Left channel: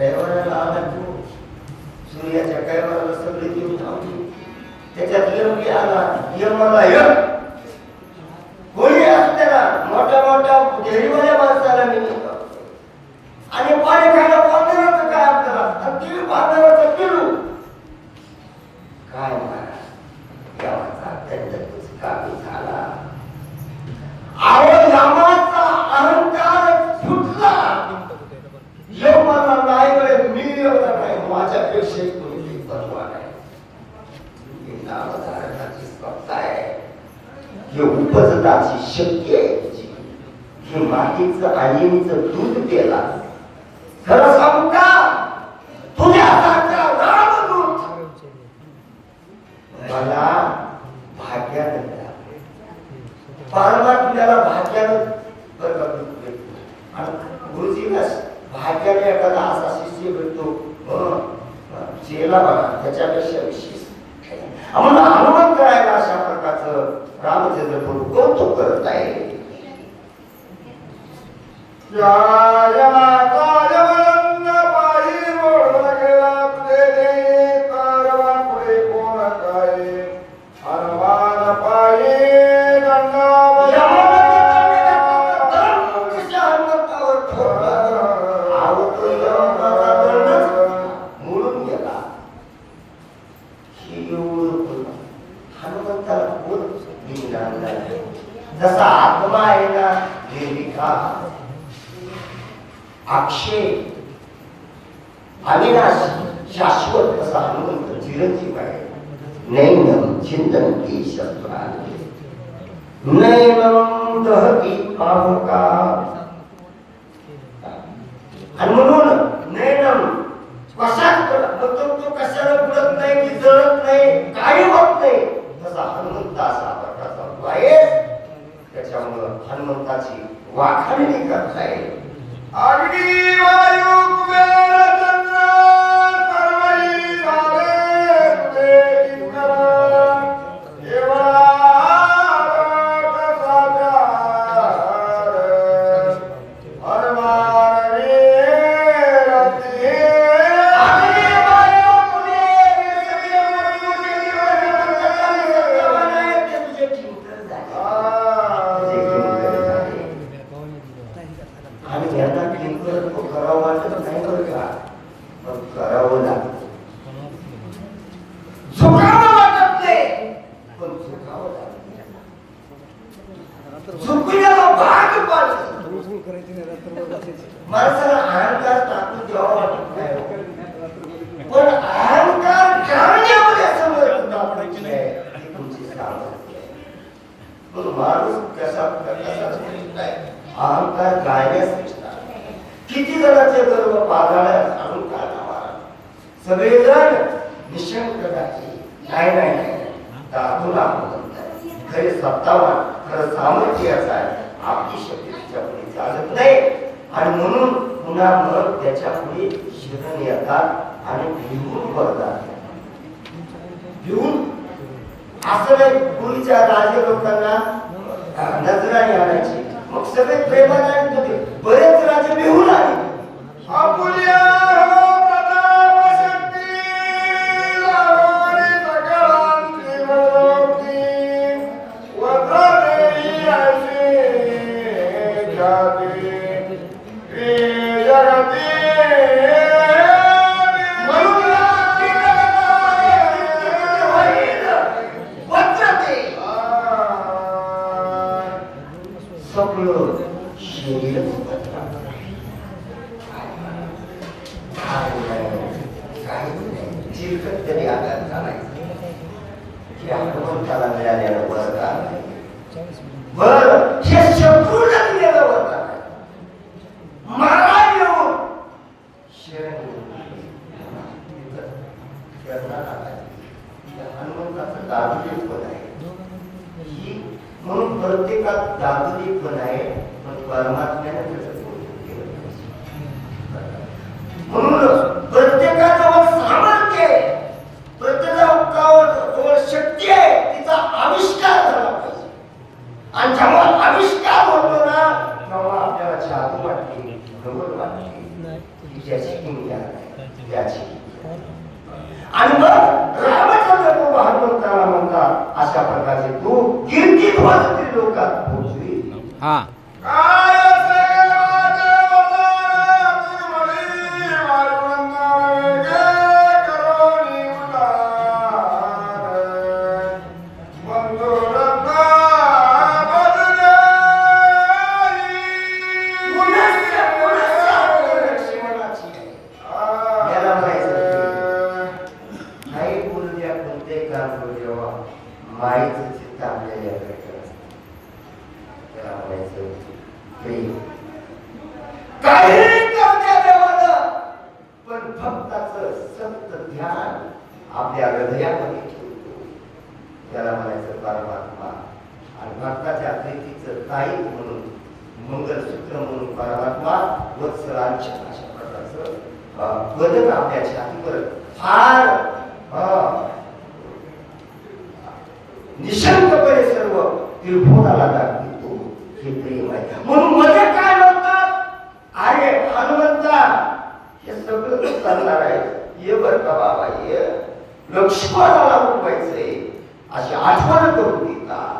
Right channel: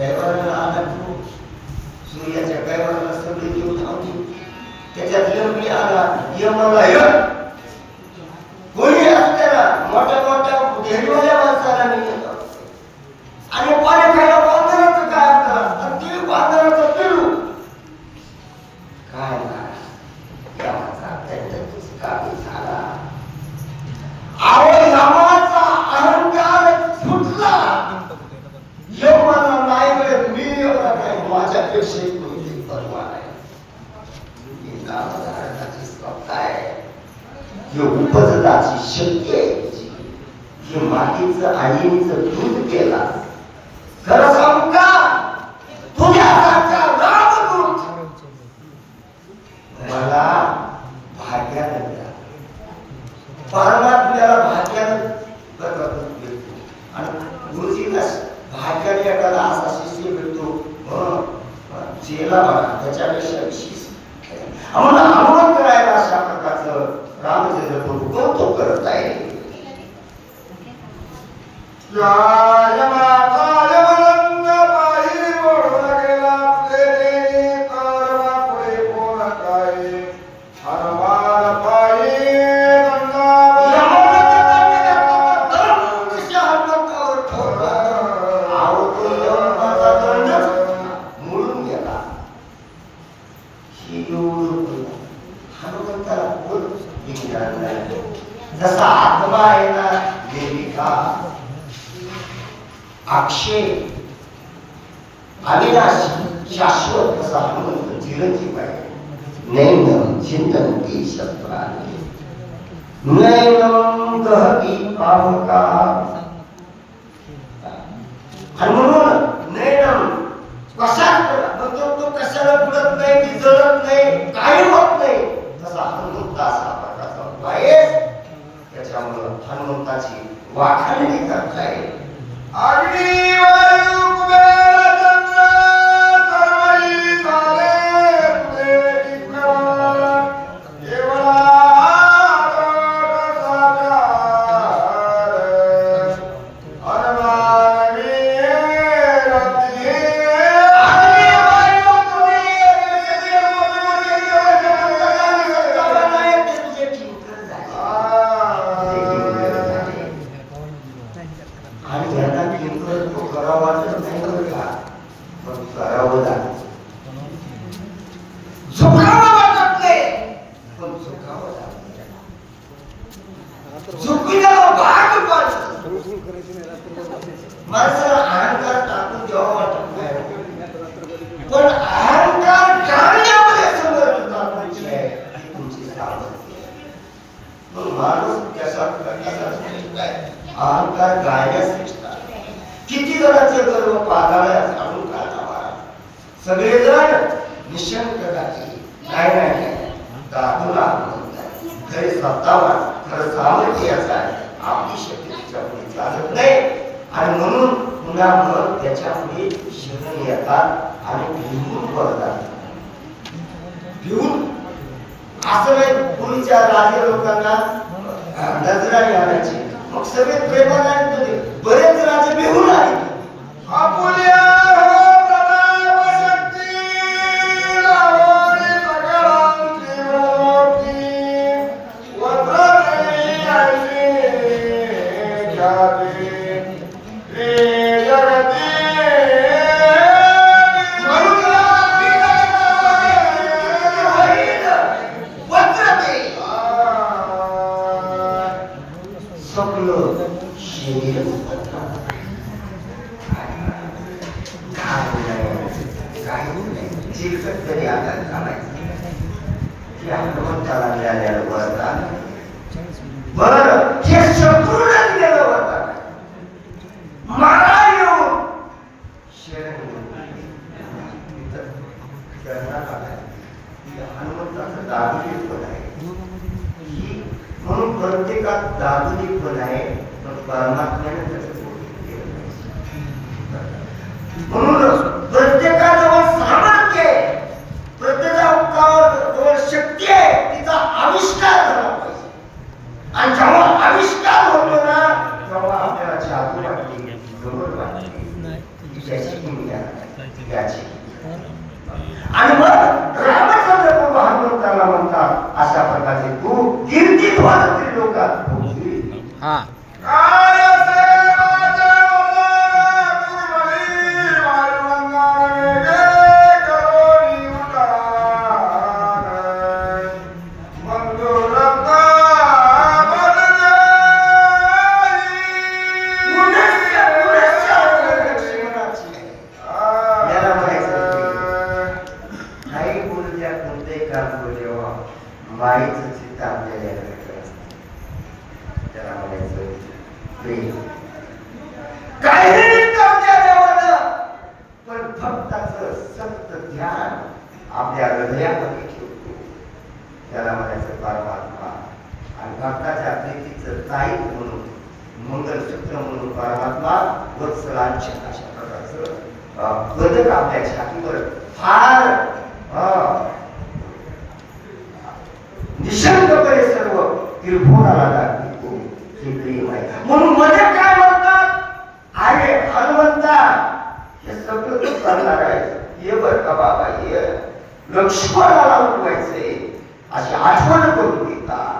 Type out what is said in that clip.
कैवाराला आला तू सूर्याच्या कैवाराला सगळे देव थांबले त्याच्यात यमली आला यमाला यम कोणी असताना मोठ्या मोठ्या घेरीवाल्या माणसाला मी आणि पाणी खायला बांधराचं काय करा आणि ती बांधराचं पिलू काय देवाचा त्यांच्याची काबी झाला आवड नामाचा अहंकार फुटला यमाला नाही वेळ मी एवढा काय माझ्यापेक्षा कोणती परवा नाही ही उपजताची शक्ती आहे ही मातीचं आईचं दूध केला खरं सांगू का तुझ्यासारखा रामदूत मला भाग्यानं मिळाला परमात्म्याला भाग्यानं आणि गुरुजीला भाग्याने एखादा असा शिष्य भेटतो चेला बघा त्याच्यापेक्षा विशेष आम्हाला अनुमान करायला अशा प्रकारचं रामचंद्र प्रभू कौतुक करत आहे जसा आत्मा आहे ना निर्विका अक्षय अविनाशी शाश्वत असा हनुमंत चिरंजीव आहे नैनम चिंतनती शब्दाने नैनम दहती पावका आणि म्हणून नैनम कशात तो कशाला बुडत नाही की जळत नाही काही होत नाही तसा हनुमंत असा प्रकारचा आहे त्याच्यामुळं हनुमंताची वाखाणणी करता येईल अग्नी वायू कुबेर चंद्र सर्वही झाले तुझे किंकर केवळा माणसाला अहंकार टाकून द्यावा वाटत नाही पण अहंकार करण्यामध्ये समर्थ तुमची सामर्थ्य म्हणून माणूस कसा अहंकार गायण्यास किती जणांचे गर्व पागाळ्या आणून काढावा सगळेजण निशंक नाही दाखवला खरे सत्तावान खरं सामर्थ्य असं आहे आपली शक्ती चालत नाही आणि म्हणून पुन्हा मग त्याच्यापुढे शरण येतात आणि भिवून पडतात भिवून असं नाही पूर्वीच्या राजे लोकांना नजराने आणायचे मग सगळे प्रेमाने होते बरेच राजे भिवून आले आपुल्या म्हणून प्रत्येकात दादुली पण आहे पण परमात्म्याने म्हणून प्रत्येकाजवळ सामर्थ्य आहे प्रत्येकाजवळ शक्ती आहे तिचा आविष्कार झाला पाहिजे आणि जेव्हा आविष्कार होतो ना तेव्हा आपल्याला जादू वाटते गमत वाटते तिच्या शिकून घ्या याची. आणि मग रामचंद्र प्रभू हनुमंताला म्हणतात अशा प्रकारचे तू कीर्ती ध्वज लोकात पोहोचली. माईचं चित्त आपल्याला त्याला म्हणायचं प्रेम काही तुमच्या देवानं पण भक्ताचं सक्त ध्यान आपल्या हृदयामध्ये ठेवतो त्याला म्हणायचं परमात्मा. आणि भक्ताच्या प्रीतीचं ताईत म्हणून मंगलसूत्र म्हणून परमात्मा वत्सलांच्या अशा प्रकारचं बदल आपल्या छातीवर फार निशंकपणे सर्व त्रिभुवनाला दाखवतो हे प्रेम आहे. म्हणून मध्ये काय म्हणतात अरे हनुमंता हे सगळं तू करणार आहे ये बर का बाबा ये लक्ष्मणाला उठवायचंय अशी आठवण करून देतात.